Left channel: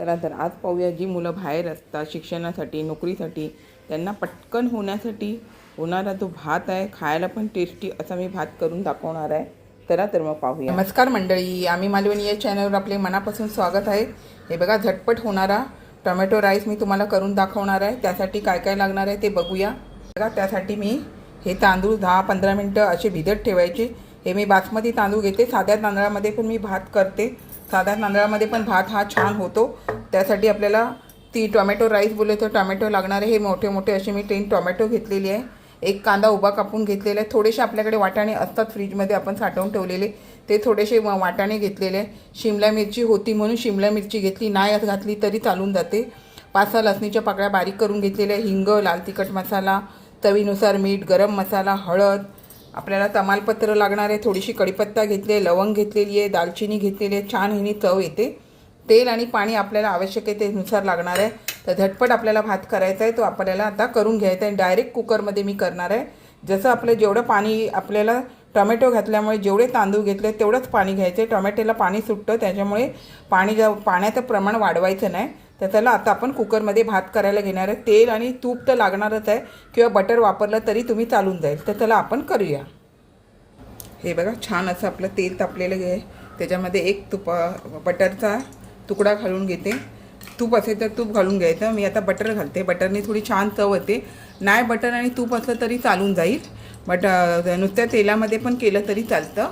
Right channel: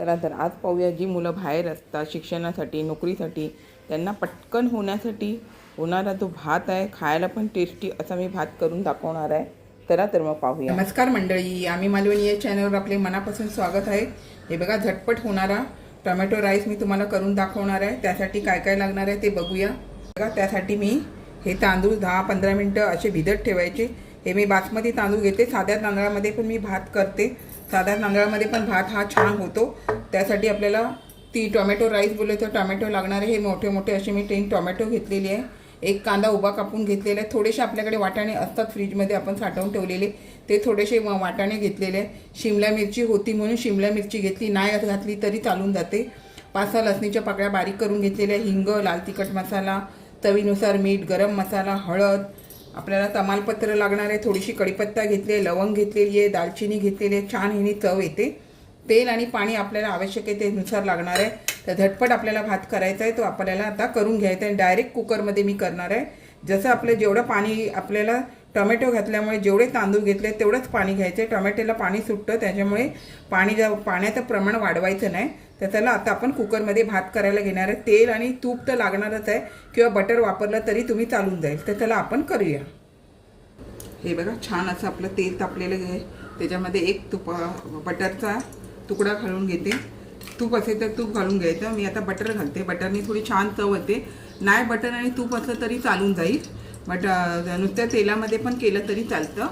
चला तर आज पाहूया जी मुलं बाहेर असतात शिक्षणासाठी नोकरीसाठी त्यांना पटकन होण्यासाठी होणारा जो भात आहे खायला पण टेस्टी असा मी भात करून दाखवणार आहे. चला तर मग पाहूया. नमस्कार मंडळी आम्ही मालवणी या चॅनलवर आपले मनापासून स्वागत आहे. हे बघा झटपट होणारा टोमॅटो राईस मी तुम्हाला करून दाखवणार आहे. त्यासाठी काय काय लागणार आहे ते बघूया. बघा त्यासाठी मी हे तांदूळ दहा पंधरा मिनटं असे भिजत ठेवायचे. हे मी बासमती तांदूळ घेते साध्या तांदळामध्ये पण मी भात करते. साधा तांदळामध्ये पण भात हा छान होतो. त्यासाठी आपल्याला ती टोमॅटो राईस बोलले तर टोमॅटो लागणारे हे मोठे मोठे असे मी तीन टोमॅटो घेतलेली आहे. एक कांदा उभा कापून घेतलेला आहे. थोडेसे आपल्याकडे वाटाणे असतात फ्रीजमध्ये आपण साठवून ठेवलेले. ते थोडेसे वा- वाटाणे घेतलेले आहे. शिमला मिरची होती म्हणून शिमला मिरची घेतली. नाही घातली तरी चालून जाते. पाच सहा लसणीच्या पाकळ्या बारीक करून घेतलेल्या हिंग लाल तिखट मसाला चवीनुसार मीठ गरम मसाला हळद आपल्याला तमालपत्र लागणार आहे थोडीशी कडीपत्ता घेतली आहे लवंग घेतलेली आहे दालचिनी घेतलेली आहे छान हिनी चव येते. तेल आणि पाणी आपल्याला आवश्यक आहे तेनुसार लागणार आहे. तर झटपट आपल्याला भात करायचा आहे तो आपल्याला आता करून घ्यायचा आहे. डायरेक्ट कुकरमध्ये मी करणार आहे. जसं आपलं जेवढं पाणी आपल्याला टोमॅटो घातल्यामुळे जेवढे तांदूळ घेतले तेवढंच पाणी घ्यायचे. टमॅटोला टोमॅटोला पाणी सुटतं त्याच्यामुळे पाणी जा पाण्याचं प्रमाण वाढवायचं नाही. तर त्याला आता आपण कुकरमध्ये भात करायला घेणार आहे. तेल आणि तूप तर लागणारच आहे किंवा बटर वापरलं तरी तुम्ही चालून जाईल. तर त्याला आपण करूया. हे बघा छान असं आपलं तेल तापलेलं आहे. त्याच्यामध्ये एक तुपा बटरचा तुकडा घालून घेते. तूप असेल तर तूप घालून घ्यायचं. मी आता बटर घालते. बटरने थोडी छान चव होते नाही बटर आणि तूप असलं तरी चालून जाईल. बट uh, नुसत्या तेलामध्ये पण केलं तरी चालतं.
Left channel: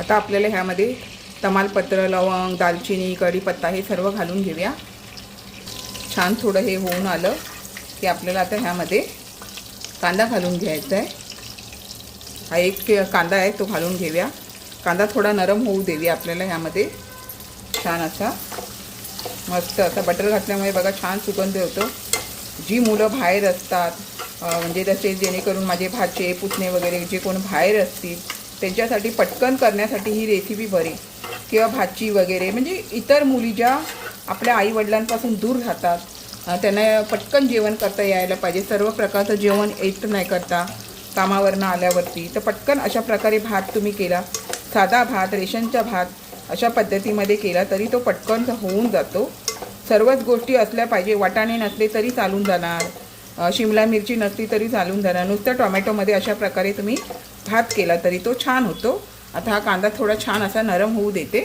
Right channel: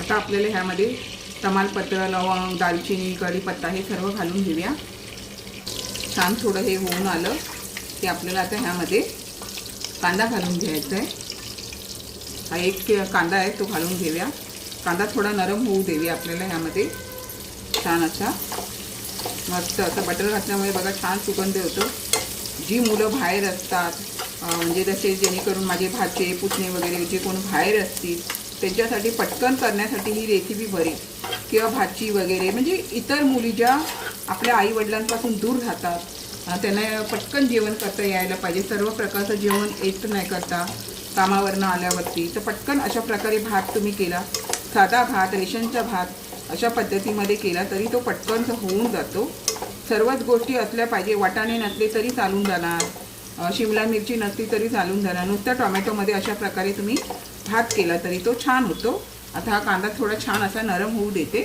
आता आपल्याला ह्यामध्ये तमालपत्र लवंग दालचिनी कढीपत्ता हे सर्व घालून घेऊया. छान थोडं हे होऊन आलं की आपल्याला आता ह्यामध्ये कांदा घालून घ्यायचा आहे हा एक कांदा आहे तो घालून घेऊया. कांदा थोडा नरम होऊ देऊया आपल्याला ह्यामध्ये. छान असा. मस्त असा बटर घातल्यामुळे बघा छान सुगंध येतो. जी मुलं बाहेर असतात म्हणजे जसे जेणेकरून माझे भाचे पुतणे वगैरे जे कोण बाहेर असतील त्यांच्यासाठी पटकन करण्यासाठी ही रेसिपी बरी. किंवा भाची वगैरे म्हणजे इतर मुली ज्या आपल्या आईवडिलांपासून दूर राहतात त्यांना पटकन जेवण करता यायला पाहिजे. सर्व प्रकारचं जेवण येत नाही करता कामावरनं आल्यावरती. तर पटकन अशा प्रकारे भात तुम्ही केला. साधा भात रेशनचा भात अशा पद्धतीमध्ये केला तरी तो पटकन होऊन जातो. सर्वच गोष्टी असल्या पाहिजे वाटाणे नसले तरी चालून जाणार. शिमला मिरची नसली तरी चालून धरा. नुसत्या टोमॅटोमध्ये अशा प्रकारे तुम्ही भात केला तरी तो छान होतो. आता हा कांदा थोडा छान असा नरम होऊ देते.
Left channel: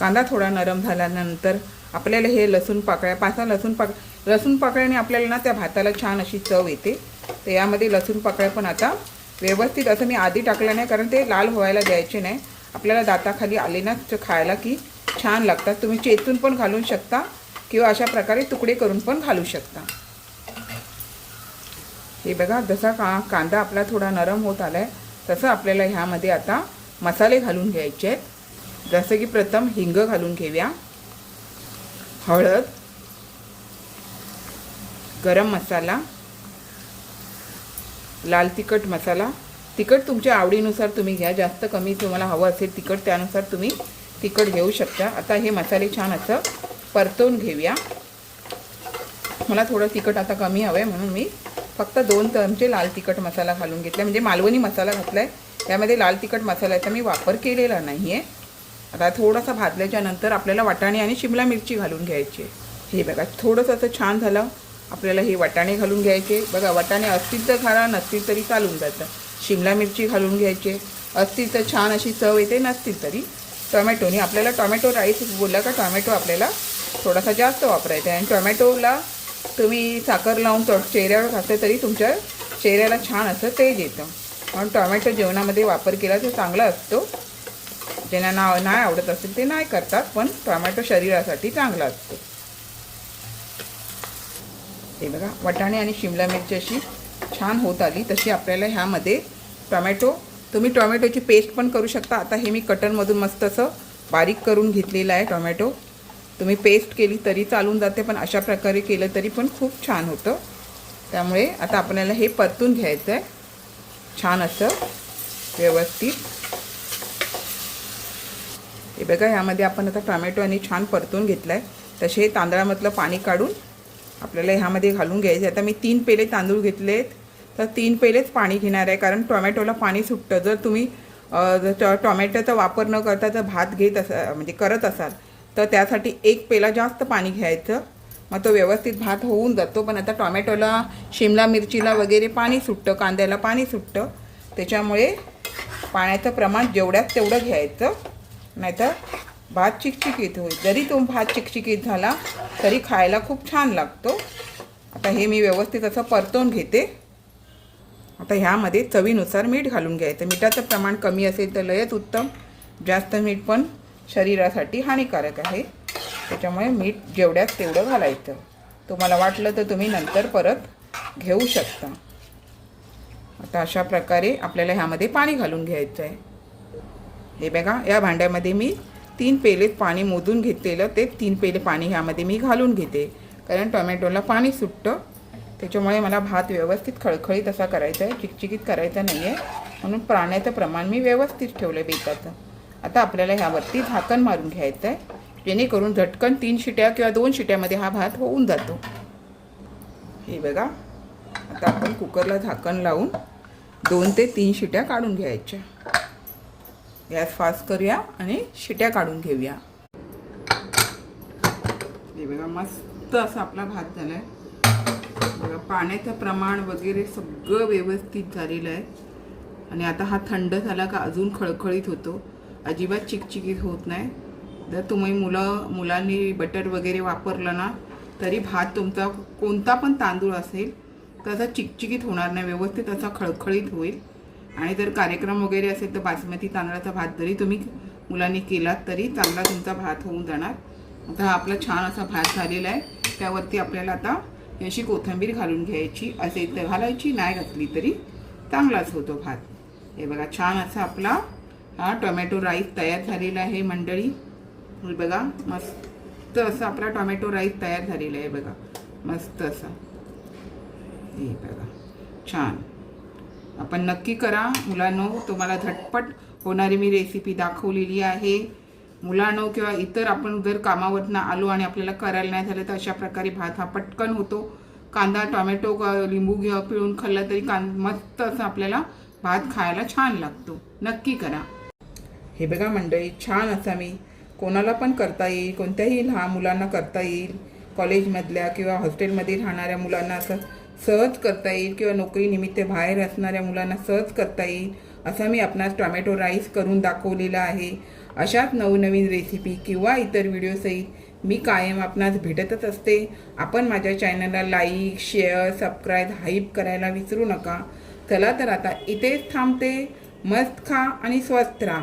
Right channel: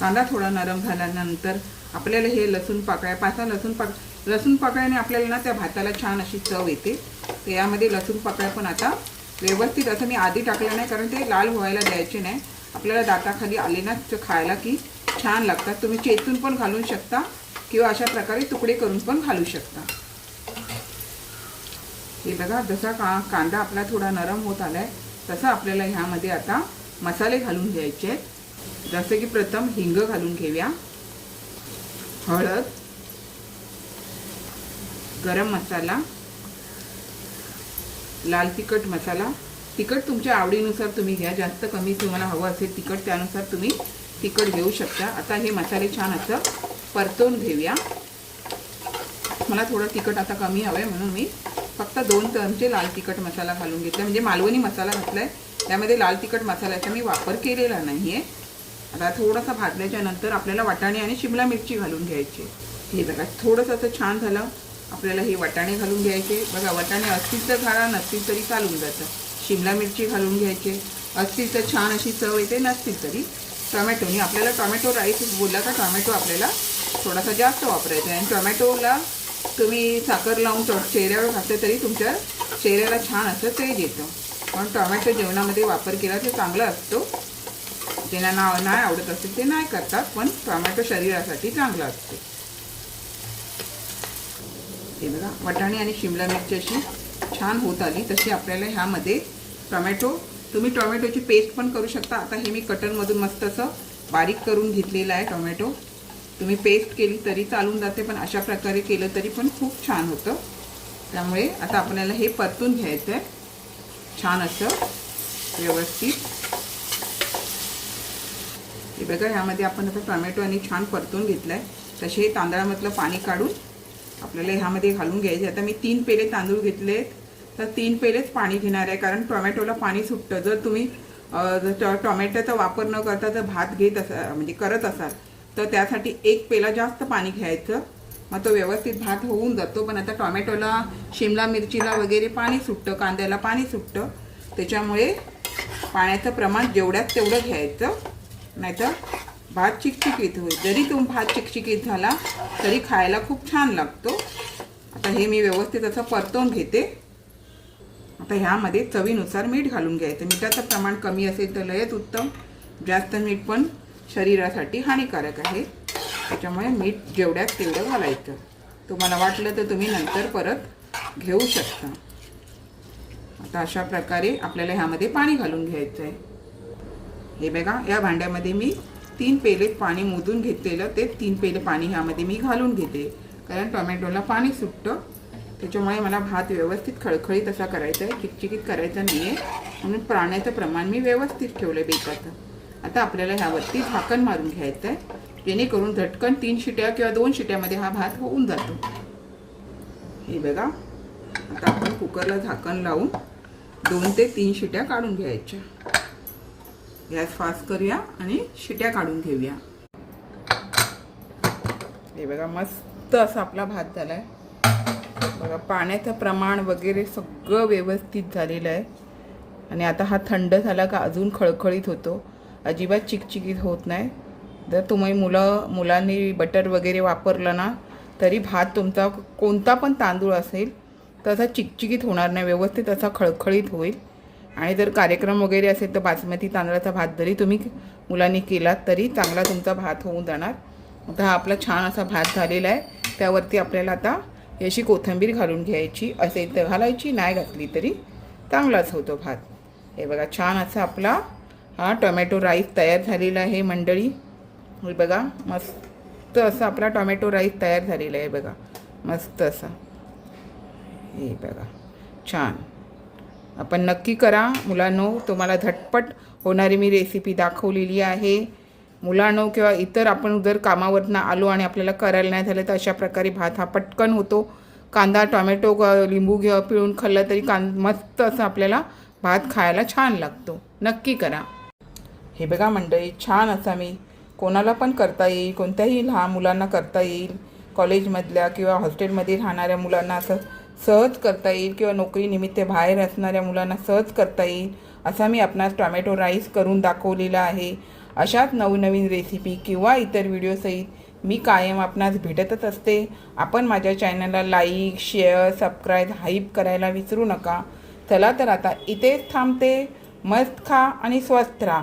कांदा थोडा नरम झाल्यानंतर आपल्याला हे लसूण पाकळ्या पाच लसूण पाक लसूण पाकळ्याने आपल्याला ना त्या भाताला छान अशी चव येते. तर यामध्ये लसूण पाकळ्या पण आता व्यवस्थित असं मी आधी टाकलं नाही कारण ते लाल व्हायला द्यायचे नाही. आपल्याला दाताखाली आले ना तर खायला की छान लागतात. तुम्ही चेतून पण घालू शकता किंवा अशा प्रकारे तुकडे करून पण घालू शकता. हे बघा जसा का कांदा आपला थोडा नरम होत आलाय तसं आपल्याला ह्यामध्ये आता मसाले घालून घ्यायचे आहेत. जसं की प्रथम हिंग घालून घेऊया. हळद गरम मसाला लाल तिखट मसाला. तिखट तुमच्या आवडीनुसार तुम्ही घ्या जास्त कमी तुम्हाला हवं असेल तिखट त्यानुसार तुम्ही तिखट घेऊ शकता. आता हे मसाले छान असं परतवून घेऊया. मला थोडं तिखट आता कमी हवं आहे म्हणून मी फक्त दोन चमचे लाल तिखट मसाला घालून घेतला. म्हणजे मालवणी मसाला घातला आहे त्यामध्ये लाल तिखट मसाल्याचा मी वापर केलेला नाही आहे आता थोडासा भाजल्याच्या नंतर आपल्याला वाटाणे आणि शिमला मिरची घालून घ्यायची हे बघा थोडंसं असं छान झालं. आपल्याला हे वाटाणे घालून घ्यायचे. बघा वाटाणे असतील तर घाला नसतील तरी चालून जातं. शिमला मिरची घालून घ्यायचे. असतील तर छान अशी चव येते नसतील तरी. टोमॅटोनी आपल्याला टोमॅटो राईस बोलला का टोमॅटो आपल्याला थोडासा जास्त वापरायचा आहे. आणि टोमॅटोला तुम्ही साखर लावून तो चेहऱ्यावर घातले तरी तुमच्या चेहऱ्याला छान असं तेज येतं. म्हणून टोमॅटो जेवणामध्ये वापर केला तर चांगला असतो. ज्यांना ना नाही आवडत असेल ते नाही करतात पण टोमॅटो शरीरासाठी चांगला असतो. हे बघा वटाणे आणि शिमला मिरची अशी छान होत आली तशी आपल्याला ह्यामध्ये टोमॅटो तुम्ही टोमॅटोची पेस्ट पण करू शकता. आता हे मी कटरमधून मस्त असं बारीक करून घेतलेलं आहे टोमॅटो. तुम्ही पेस्ट केली तरी चालून जाते पण अशा प्रकारे केलं तरी पण खूप छान होतं. त्यामुळे आता आपल्याला हे परतून घ्यायचं आहे छान असं व्यवस्थित. हे बघा यामध्ये आपण आता टोमॅटो आणि छान परतून घेतलं आहे तसे हे तांदळामधलं पाणी काढून आपल्याला ह्यामध्ये घालून घ्यायचे आता मी तीन पेले तांदूळ घेतलेत. तर तीन पेलेच पाणी घेणार आहे कारण टोमॅटोला पाणी सुटतं. जर तुम्ही जर टोमॅटोचा वापर न करता जर भात घेत असाल म्हणजे करत असाल तर त्यासाठी एक पेला जास्त पाणी घ्यायचं. मग तो व्यवस्थित भात होऊन जातो. पण आता टोमॅटोला शिमला मिरचीला वगैरे पाणी सुटतं कांद्याला पाणी सुटतं. त्याच्यामुळे पाण्याचं प्रमाण जेवढ्यात तेवढं घ्यायचं. नाहीतर भात चिकचिकीत होईल. जरी तो भात चिकचिकीत झाला तरी खायला खूप छान लागतो. आता हे मी व्यवस्थित असं परतवून घेते. आता ह्यामध्ये चवीनुसार मीठ घालून घ्यायचं. मिठाचं प्रमाण कमी असेल तर लयच उत्तम. जास्त मीठ पण शरीरासाठी हानिकारक आहे. त्याच्यामुळे मीठ जेवढ्यात तेवढं घालायचं. तुम्हाला वाटलं तर तुम्ही नंतर परत घेऊ शकता. आता अशा प्रकारे आपल्याला ह्यामध्ये पाणी घालून घ्यायचं आहे. हे बघा या भांड्यामध्ये मी तीन पेले पाणी मोजून घेतलेलं. ते तीन पेले पाणी ह्यामध्ये मी घालून घेते. कारण टोमॅटोला पाणी सुटतं. त्याच्यामुळे मला भात व्यवस्थित खळखळीत असा करायचा आहे. चिकचिकीत करायचा नाही आहे म्हणून पाण्याचं प्रमाण मी व्यवस्थित ठेवलं बेताचं. आता आपल्याला ह्यावरती झाकण मारून घ्यायचं आहे जेणेकरून झटकन तीन शिट्या किंवा दोन शिट्यामध्ये हा भात होऊन जातो. हे बघा. आता आपण कुकरला झाकण लावून दोन ते तीन शिट्या काढून घ्यायच्या. गॅस फास्ट करूया आणि शिट्या काढून घेऊया. हे बघा मस्त असा आपला भात झाला आहे बघा पाण्याचं प्रमाण वगैरे सगळं व्यवस्थित झालेलं आहे. आणि आता हा थंड झाला का अजून खळखळीत होतो. अजिबात चिकचिकीत होत नाही. जर तुम्ही मुलं मुलांनी बटर वगैरे वापरलं ना तरी भात तुमचा कोणता पण तांदूळ असेल तसा चिकचिकीत होणार नाही. व्यवस्थित असा खळखळीत होईल. आणि जर कार्यक्रम वगैरे असेल तर बासमती तांदळाचा भात जरी तुम्ही मुलांनी केलात तरी चांगला तुमचा भात होऊन जाणार. आता हा आपला छान असा भात झालेला आहे. त्यावरती आपल्याला आता याची कोथिंबीर घालून घ्यायची. असेल तर घालायची नाही घातली तरी चांगलाच होतो भात. हे बघा छान असा आपला हा टोमॅटो राईस तयार झालेला आहे मंडळी. बघा मस्त असा आपला टोमॅटो राईस तयार झालेला आहे बघा. मस्त असा. हे बघा छान. आपण नक्की करा. मुलांनो तुम्हाला झटपट होणारी मी रेसिपी दाखवलेली आहे. मुलांनो किंवा इतर आपण जर कामावरनं आलो आणि आपल्याला करायला नाही झालं तर अशा प्रकारे भात हा पटकन होतो. कांदा टोमॅटो ग- लिंबू घे पिळून खाल्लं तरी कां मस्त असं आपल्याला भात खायला छान लागतो. नक्की करा. हे बघा मंडळी छान असा मी कोणाला पण करता येईल कोणत्याही लहान मुलांना करता येईल कॉलेजमधल्या किंवा हॉस्टेलमध्ये राहणाऱ्या मुलांना असं सहज करता येईल किंवा नोकरीनिमित्त बाहेर असणाऱ्या मुलांना सहज करता येईल असा मी आपणास टोमॅटो राईस करून दाखवलेला आहे. अशाच नवनवीन रेसिपी किंवा इतर व्हिडिओसहित मी कायम आपणास भेटतच असते. आपण माझ्या चॅनलला लाईक शेअर सबस्क्राईब हाईप करायला विसरू नका. चला तर आता इथेच थांबते. मस्त खा आणि स्वस्थ राहा.